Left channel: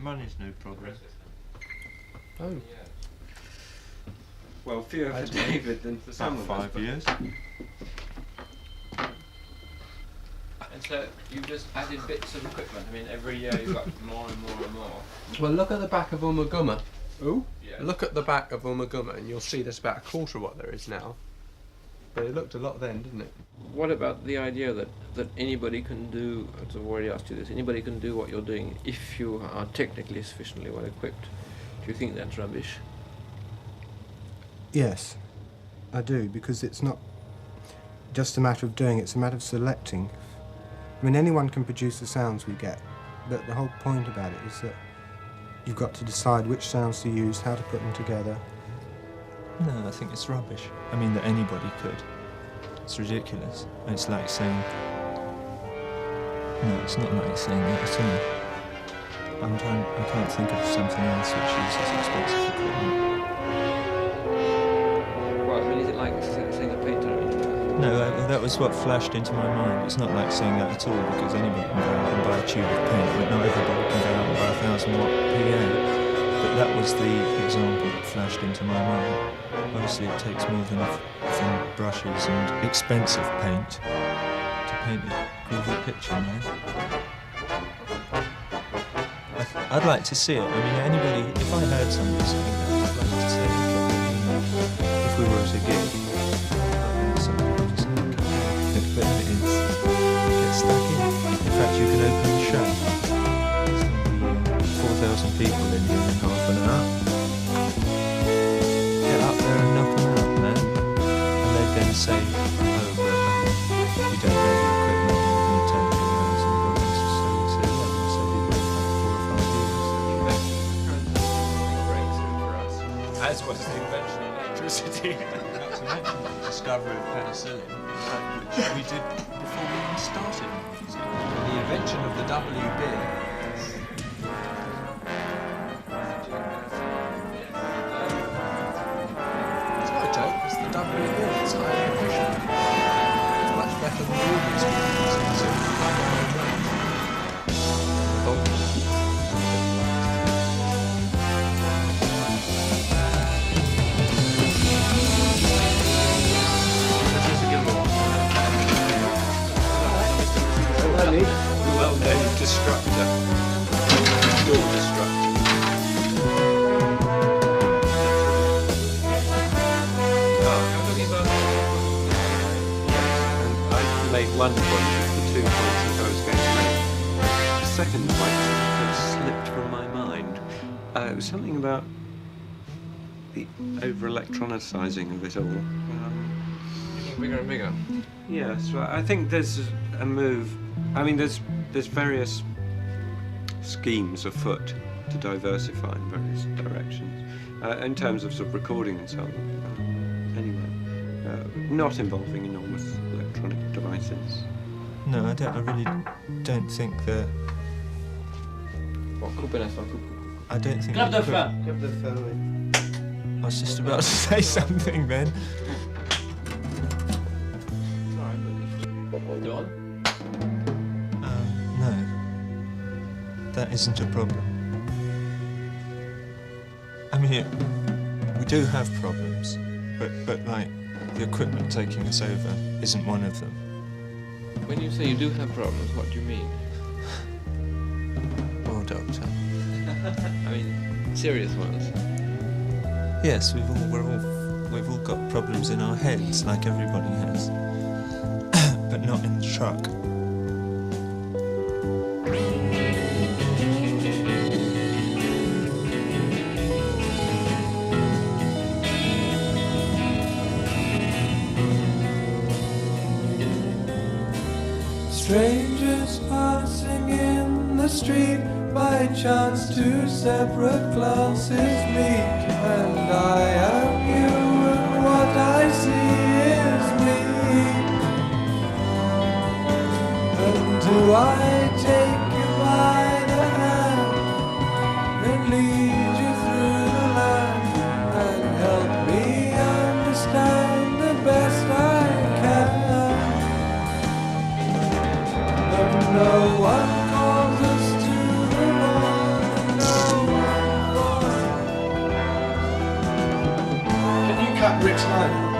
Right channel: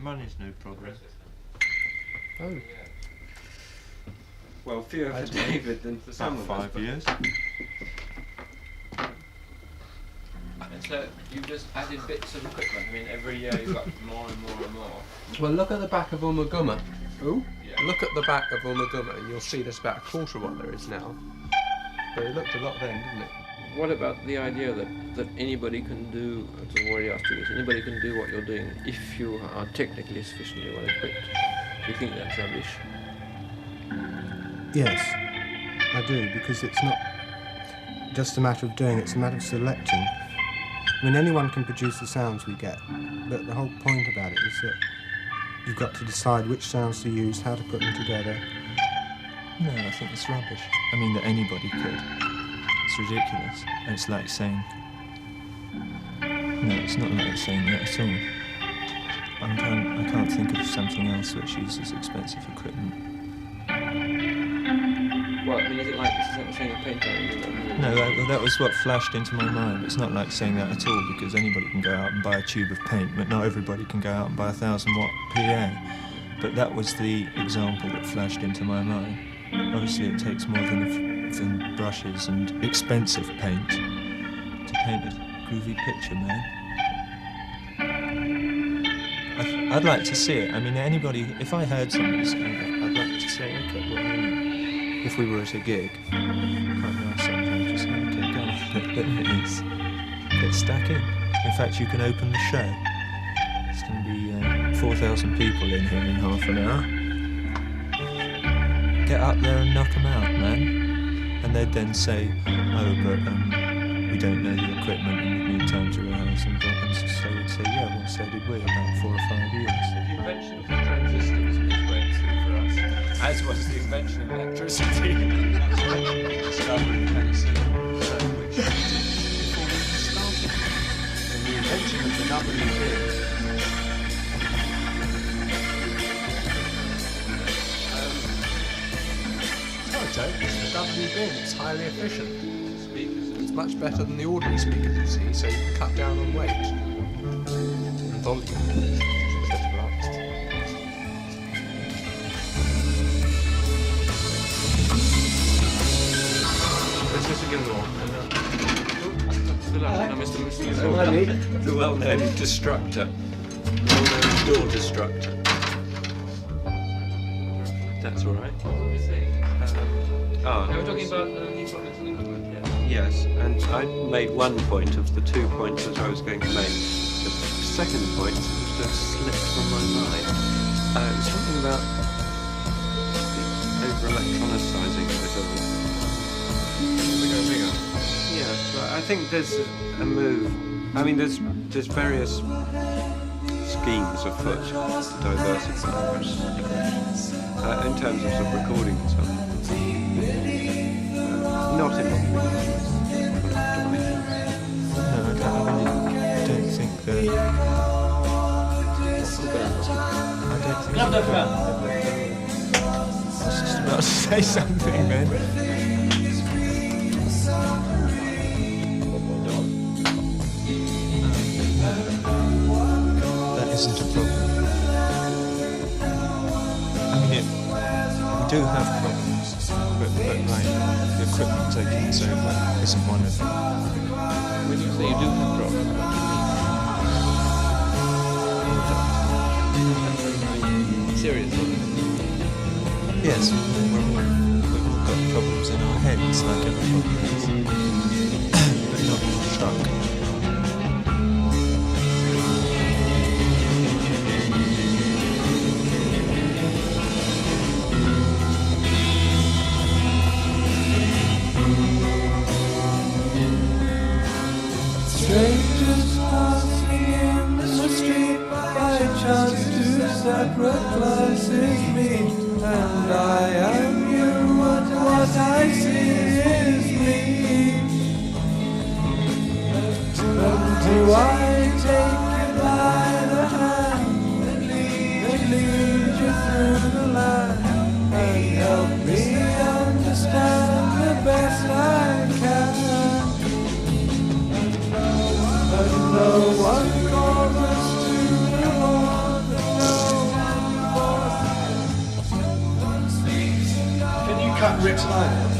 Money's no problem. Oh. Well, fewer for David than for some About of us. 5 years. And so you've just added bits of equipment. I mean, every year you've got more and more and more. Well, look at the back of Umaguma. Ooh. Yeah. Look at the back of Umaguma and you'll see there's about a quarter of what there is now. But it looked a lot then, didn't it? What about the idea that anybody can do, I've already asked you this, anybody can do what you're doing if you are technically sufficiently well equipped? Do you think that's rubbish? Yes, I do, because it's not just a matter of doing, it's a matter of selecting. I mean, anyone can produce the sounds we get, but the whole point about it is that you've got to decide which sounds to use, how to put them together. No, I think it's rubbish. I mean, that anybody could. It's ridiculous. It's like saying... No, it's not like saying that at all. I can't think of something else which uses expensive equipment. Well, I mean, is it like saying a painter? No, that was what flashed into my mind. It's not like saying that at all, because anybody can go out and buy a tube of paint, but not everybody can go out and buy a 1,000-watt PA. But that was the example that flashed into my mind. Obviously, it takes more than brushes and expensive paint to paint a groovy picture, man. I'd like to see it. I mean, anybody, if I heard somebody saying that, I'd like to say, okay, well, you know, if we were at a gig, but it's stuck in. In fact, you can open the show. There's going to be 4,000 people in here in half an hour. Get up there and knock them out, man. And they'd then say, oh, but we don't know the equipment and we've been told to around some buttons. So we'd say, yeah, well, so did we about 4 or 5 years. The invention of transistors was a breakthrough for us, as was the invention of electricity. Discovering penicillin, which we did before we even started. And the invention of the WB. It's not a joke, it's the WB. It's highly efficient. It's much better than the ordinary speakers, so you can cut down on weight. The volume. This is a good one. The well-known destructor. Door destructor. That's right. We're talking about... Yes, and I made one point of the 2 points that I was going to make. The second point that slipped from my mind. It was something about the over-electronicizing of it all. Bigger and bigger. Yes, well, I think there's a move. I mean, there's various schemes afoot to diversify in various directions in terms of sort of recording and so on. Not involving electronic devices. No, I really don't think that... I don't think... I was just about to say something then. No, that isn't a problem. I mean, we do have problems, but like the equipment taking us over isn't one of them. When you say you do have problems, what do you mean? Oh, doctor. I mean, serious ones. Yes, we've all got problems in our heads, like everybody has, but not in the truck. Strangers passing in the street, by chance two separate classes meet, and I am you and what I see is me. And do I take you by the hand and lead you through the land and help me understand the best I can? And no one calls us to the lawn, and no that Rick's line out?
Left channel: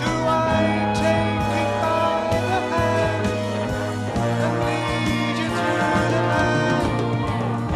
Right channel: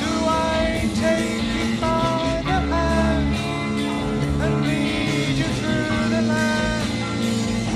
Do I take you by the hand and lead you through the land?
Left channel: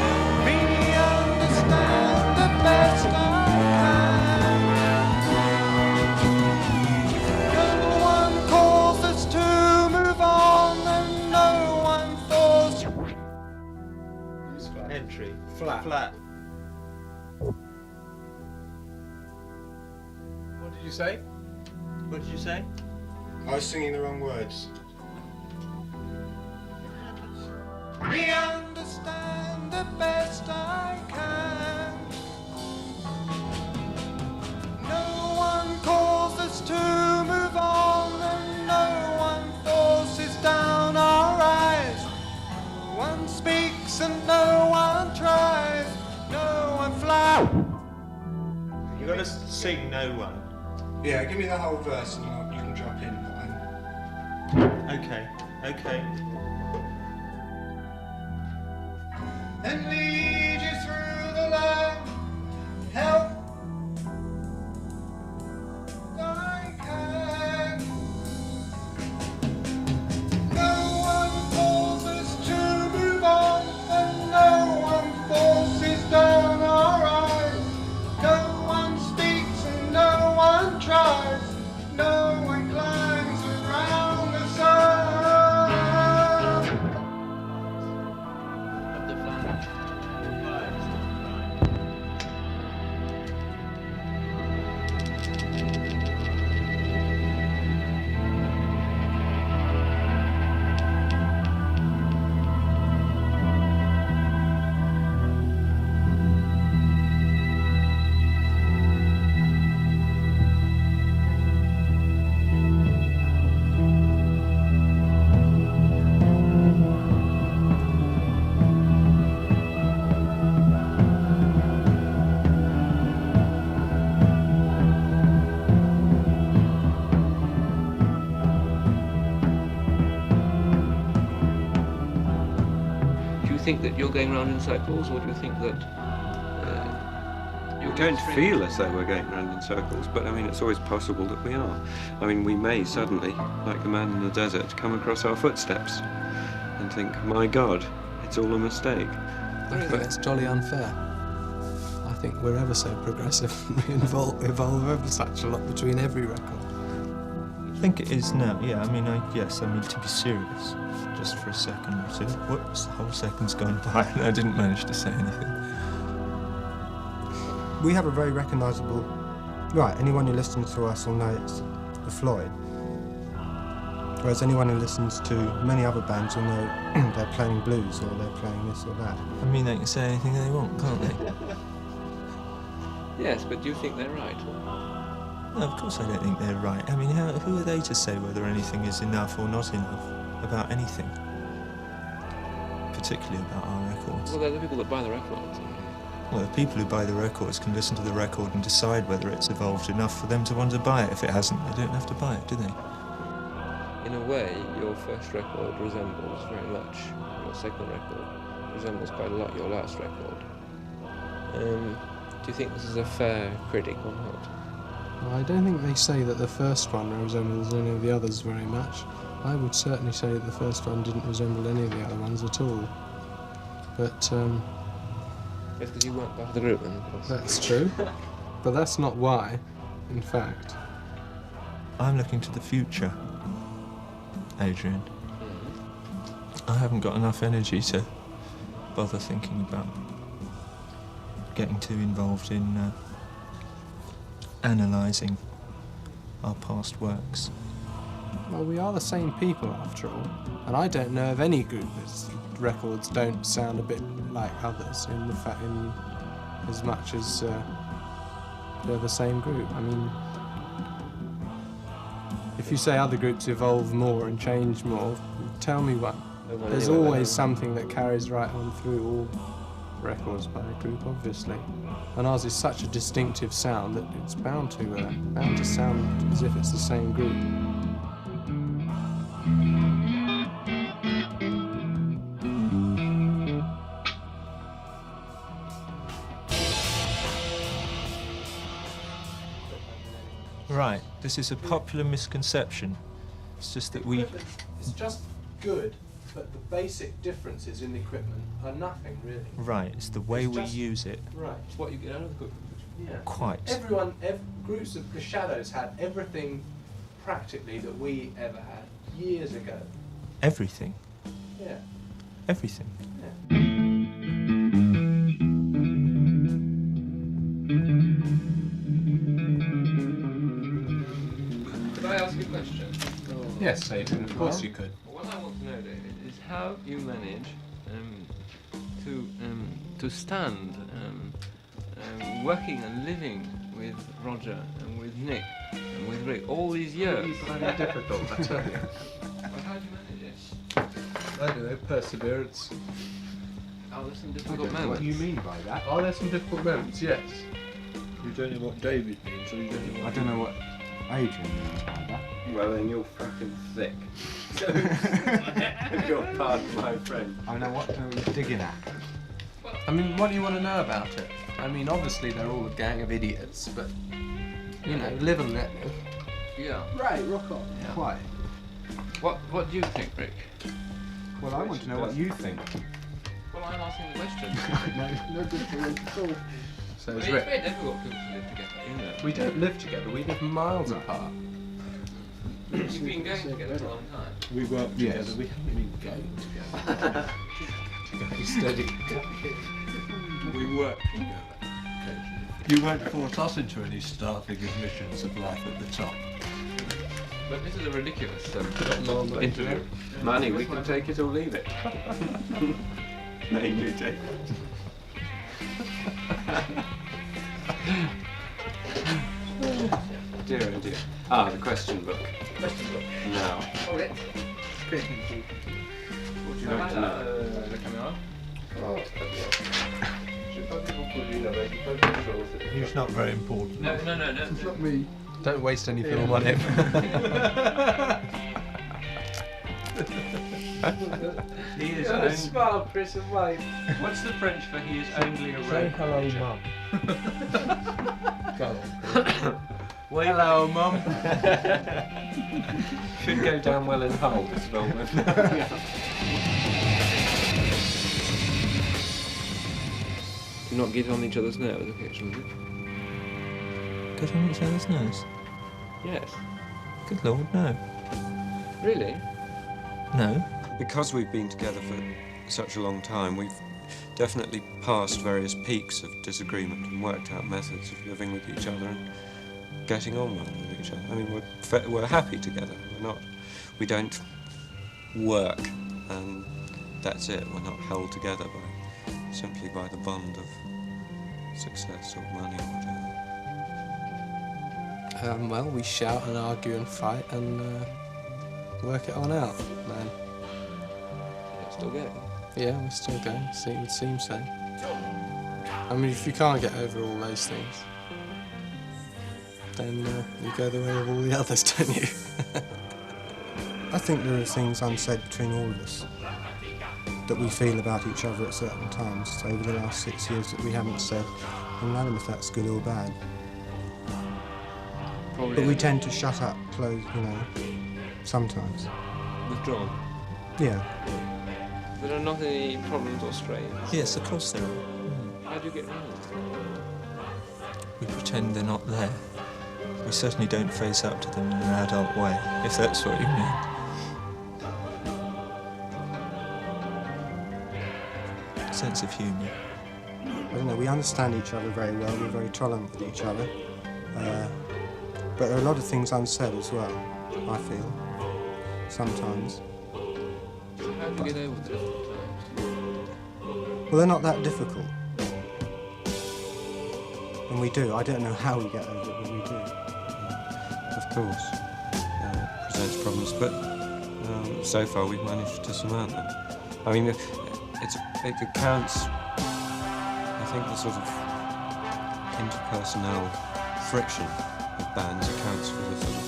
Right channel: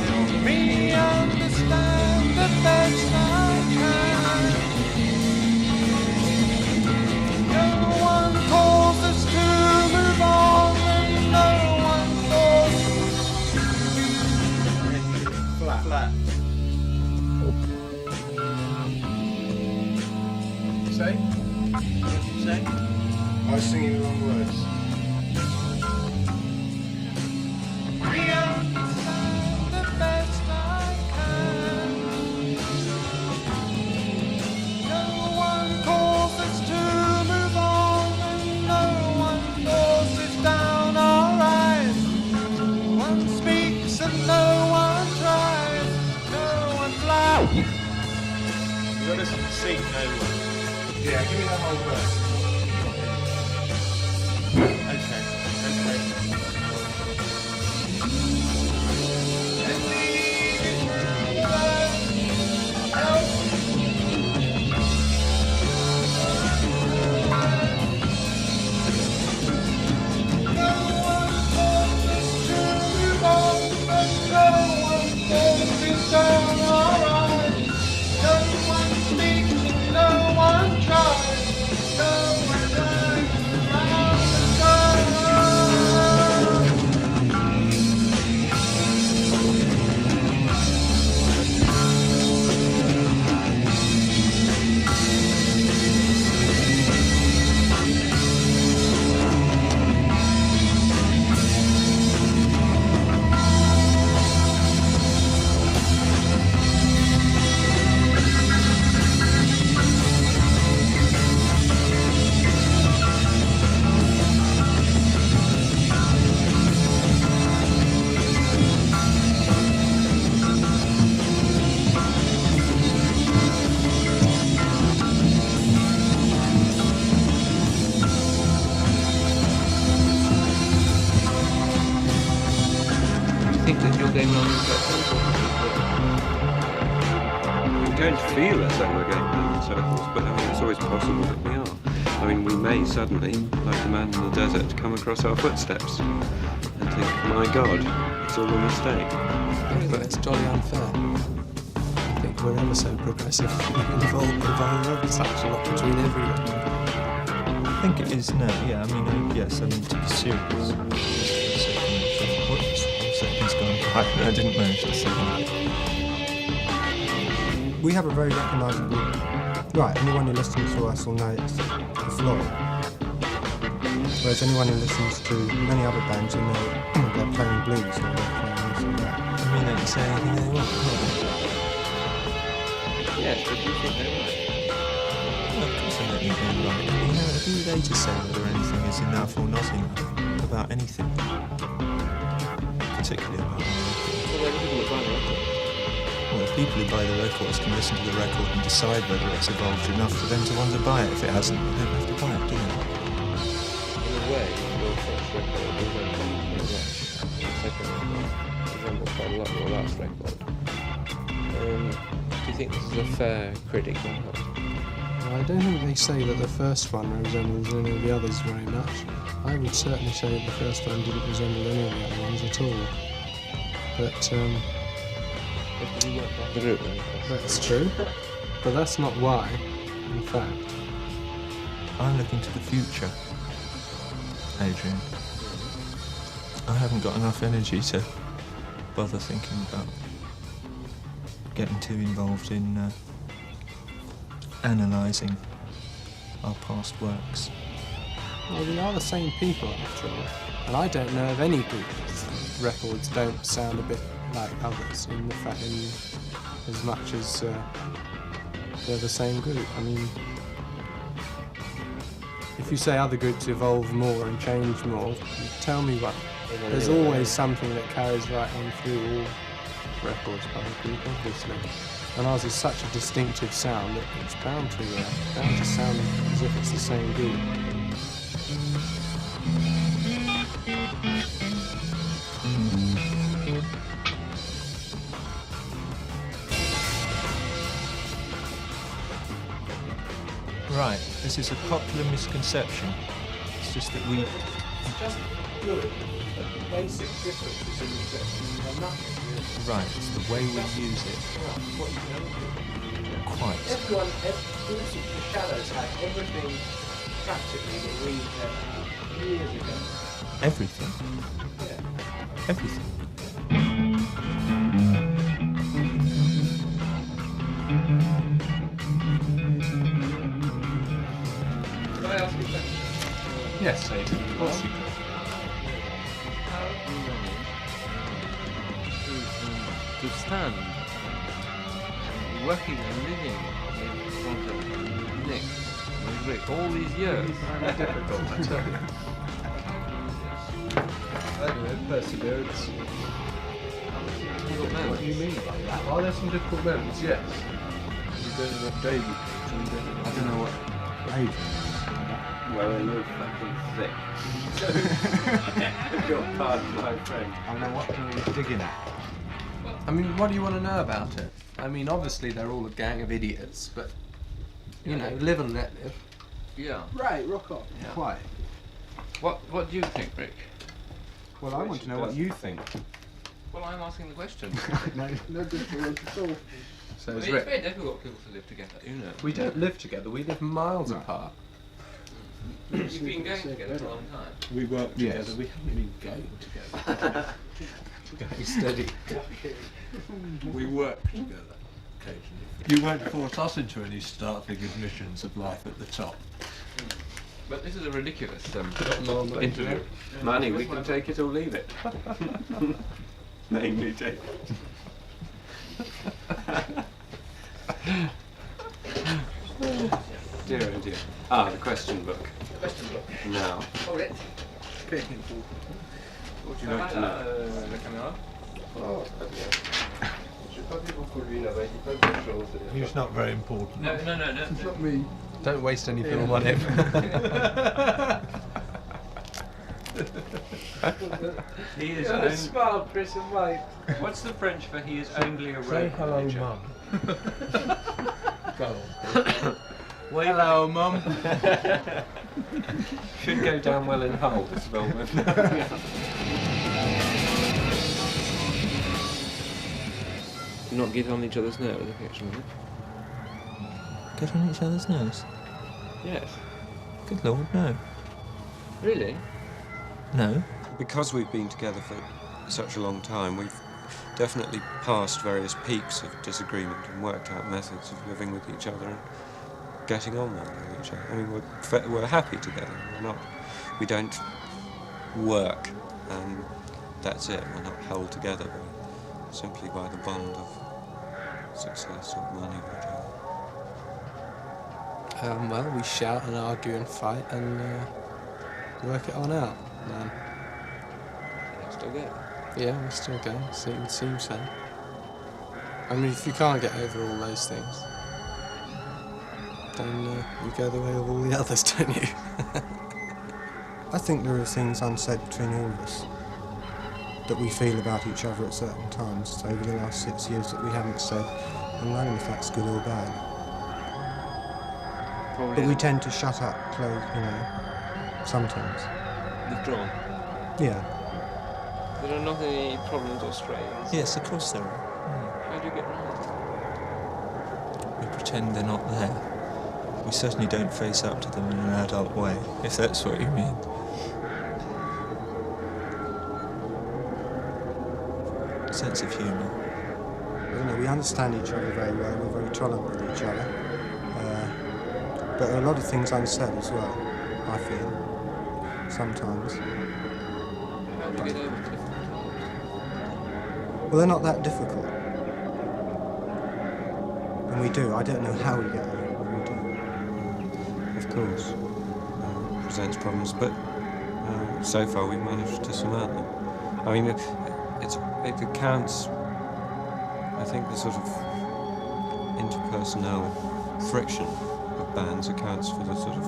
Help me understand the best I can. No one calls us to move on, and no one forces. Entry. Flat. Flat. What did you say? What did you say? I was singing the wrong words. We understand the best I can. No one calls us to move on, and no one forces down our eyes. No one speaks and no one tries. No one flies. You got to sing no one. Yeah, give me the whole verse. Okay. Okay. And lead you through the land. Help. No one forces to move on, and no one forces down our eyes. No one speaks and no one tries. No one climbs around the sun. Do you think that you're going round in circles, or do you think that You don't feel as though we're going round in circles, but I mean, it's always possible that we are. I mean, we may suddenly, like the man in the desert, come across our footsteps and think, my God, it's all a mistake. I think that's jolly unfair. I think we're ever so progressive. We evolve ever such a lot between every record. I think it is now, yeah. I mean, yes, I mean, to be serious, just for a second. So, whoops, the whole second's gone by, and I didn't manage to say anything. We have a very recognisable... Right, anyone who listens to us will know it's the Floyd. Whereas anyone who listens to many other bands will know they're playing blues or they're playing this or that. I mean, they can say anything they want, can't they? yes, but do you think they're right? Well, of course I don't think they're right. I mean, who are they to say whether anything is enough or not enough about anything? Particularly about our record. Well, they're the people that buy the records. Well, the people who buy the records can listen to the record and decide whether it's evolved enough for them to want to buy it. If it hasn't, they don't have to buy it, do they? In a way, your first record resembles very much your second record. Resembles quite a lot your last record. Do you think this is a fair critic on Hot? Well, I don't think they say that the first one resembles any of the others very much. I would certainly say that the first one didn't resemble any of the other ones at all. But Because you weren't part of the group then, of course. that's true. But that's not why, in fact. I'm looking to the future, Adrian. I haven't got enough energy to bother thinking about getting too involved in analysing our past works. Well, we are the same people after all, and I don't know of any group whose records don't sound a bit like others in as much as they're the same group. I mean, if you say other groups evolve more and change more, tell me one. There's always something that carries right on through all records by a group, obviously. And ours is such a distinctive sound that it's bound to sound as if it's the same group. This is a popular misconception. It's just that we... It's just good, but the basic differences in the equipment are nothing really. Right, it's the way we use it. Right, it's what you do. Quite. Groups of the Shadows had everything practically that we ever had years ago. Everything. Yeah. Everything. Could I ask you a question? Yes, Aidan, of course you could. How do you manage to stand working and living with Roger and with Nick and with Rick all these years? It's very difficult, I tell you. I don't know, perseverance. Difficult moments. What do you mean by that? Oh, there's some difficult moments, yes. We don't know what day we do, so we don't know what... I don't know what Adrian means by that. Well, then you're fucking thick. You're pardon my friend. I know what you're digging at. I mean, what do you want to know about it? I mean, obviously they're all a gang of idiots, but, you know, live and let live. Yeah. Right, rock on. Yeah. Quite. What do you think, Rick? Well, I want to know what you think. Well, I'm asking the question. No difference at all. So Well, it's it's Rick. very difficult people to live together, you know. We don't live together, we live miles Right. apart. You've been going together for a long time. We work Yes. together, we haven't been going together. Going steady. We work together occasionally. You won't force us into any startling admissions of life at the top. But this is a ridiculous Interview. Money, we can take it or leave it. Namely, take it. Dear oh dear. Ah, the question book. Question book. Now, Oh, Rick. what would you like to know? La caméra. He's not very important. No. It's not me. Don't waste any film on him. He is Got a smile, Chris, and wave. What's the French for he is only a road hello, manager? Mum. Go on. Wait. Hello, Mum. Should go down well in Hull, this Volvo. Not get on each other's nerves occasionally. Get on each other's nerves? Yes. Good Lord, no. Really? No. Because we've been together for such a long time, we've definitely passed various peaks of disagreement and worked out methods of living with each other and getting on well with each other. I mean, we're happy together. We don't work, and that's it. We're not held together simply by the bond of success or money or whatever. Well, we shout and argue and fight and work it on out, man. Yeah, still go. Yeah, we're still going. It would seem so. I mean, if you can't get over all those things, then you go the way of all the others, don't you? I think there are things unsaid between all of us that we feel about each other at certain times over the last 6 years that we haven't said, and I don't know if that's good or bad. Probably But we tend to shut up, close, sometimes. withdrawn. Yeah. There are not any problems or strains. Yes, of course there are. How do you get round? We pretend they're not there. We certainly don't face up to them in an adult way, if that's what you mean. Sense of humour. I don't know, we understand each other very well, we're very tolerant with each other. But there are a lot of things unsaid as well, I feel, sometimes. How do you get over difficult times? Well, they're not that difficult. And we do. I don't know how we get over it, but we do. Of course, it presents problems, but so far we've managed to surmount them. I mean, it accounts, I think, the sort of interpersonal friction of bands accounts for the sort of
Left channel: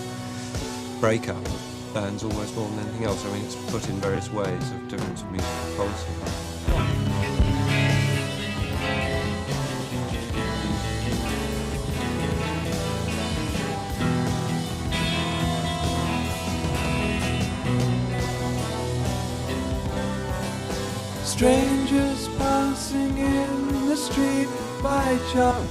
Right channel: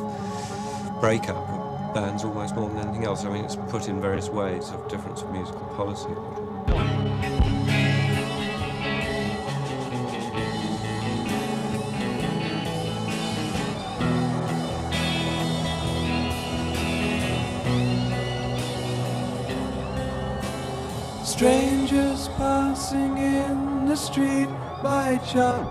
breakup of bands almost more than anything else. I mean, it's put in various ways of difference of musical policy. strangers passing in the street by chance.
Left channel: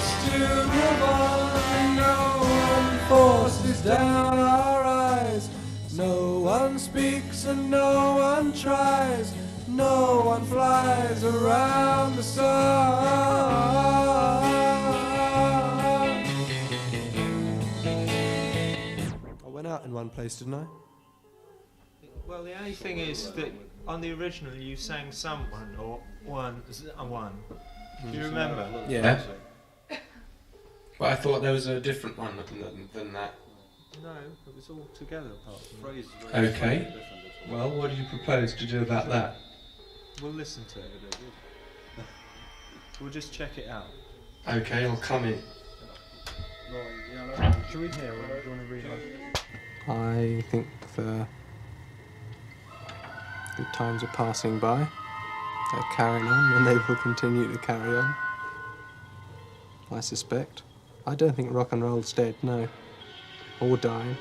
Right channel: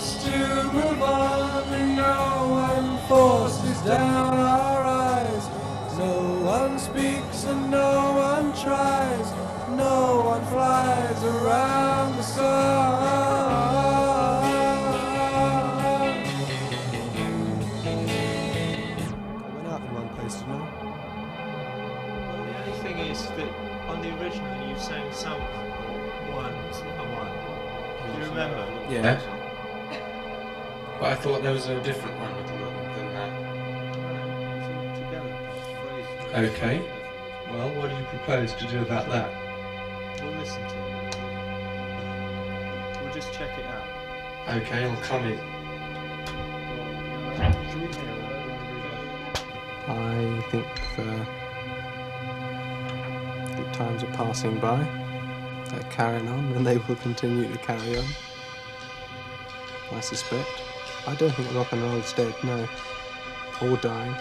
Still move on and no one forces down our eyes. No one speaks and no one tries. No one flies around the sun. I went out in one place, didn't I? Well, the only thing is that on the original you sang someone or one, a one. Do you remember? Yeah. But I thought there was a different one than that. No, it's all together. Okay. Well, what do you propose to do about that? We'll listen to it. We'll just check it out. Okay, I'll come in. Should we hear it? Do you want to read it? I think the good times are passing by. They're carrying on and they will continue to carry on. I suspect. I don't think rock and roll's dead, no. Or dying.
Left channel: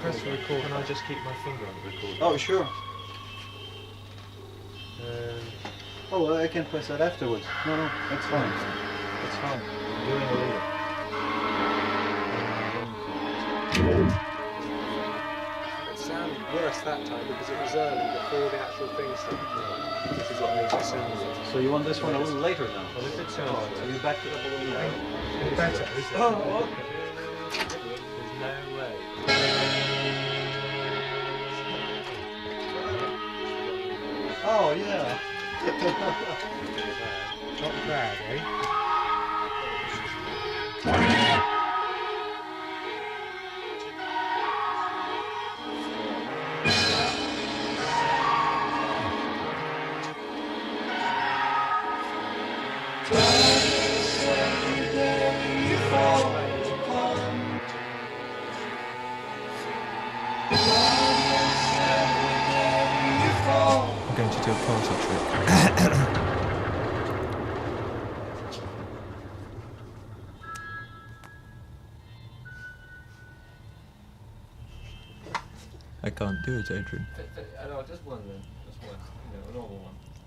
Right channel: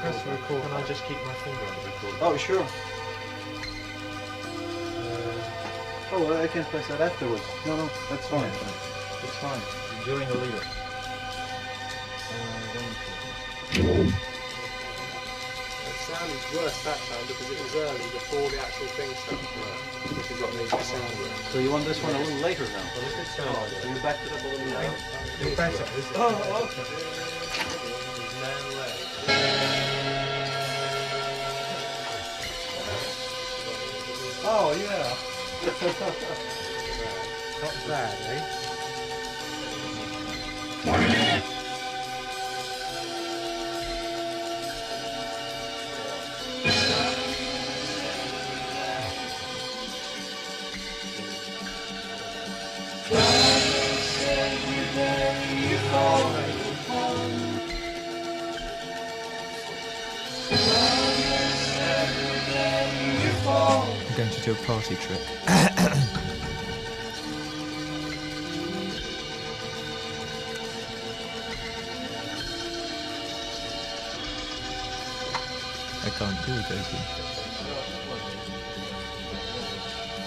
Press the record. Can I just keep my finger on the record? Oh, sure. Oh, well, I can press that afterwards. No, that's fine. It's fine. During the lead. It sounded worse that time because it was early before the actual thing started, which is what makes it sound worse. So you want this one a little later now? Well, if it's So you backed it up a little later. it's better, is it? Oh, okay. There's no way. Oh, yeah. Not bad, eh? I'm going to do a party trick. I can't do it, Adrian.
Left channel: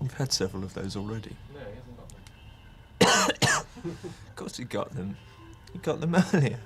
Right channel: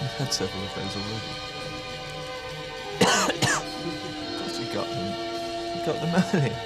We've had several of those already. Of course you got them. You got them earlier.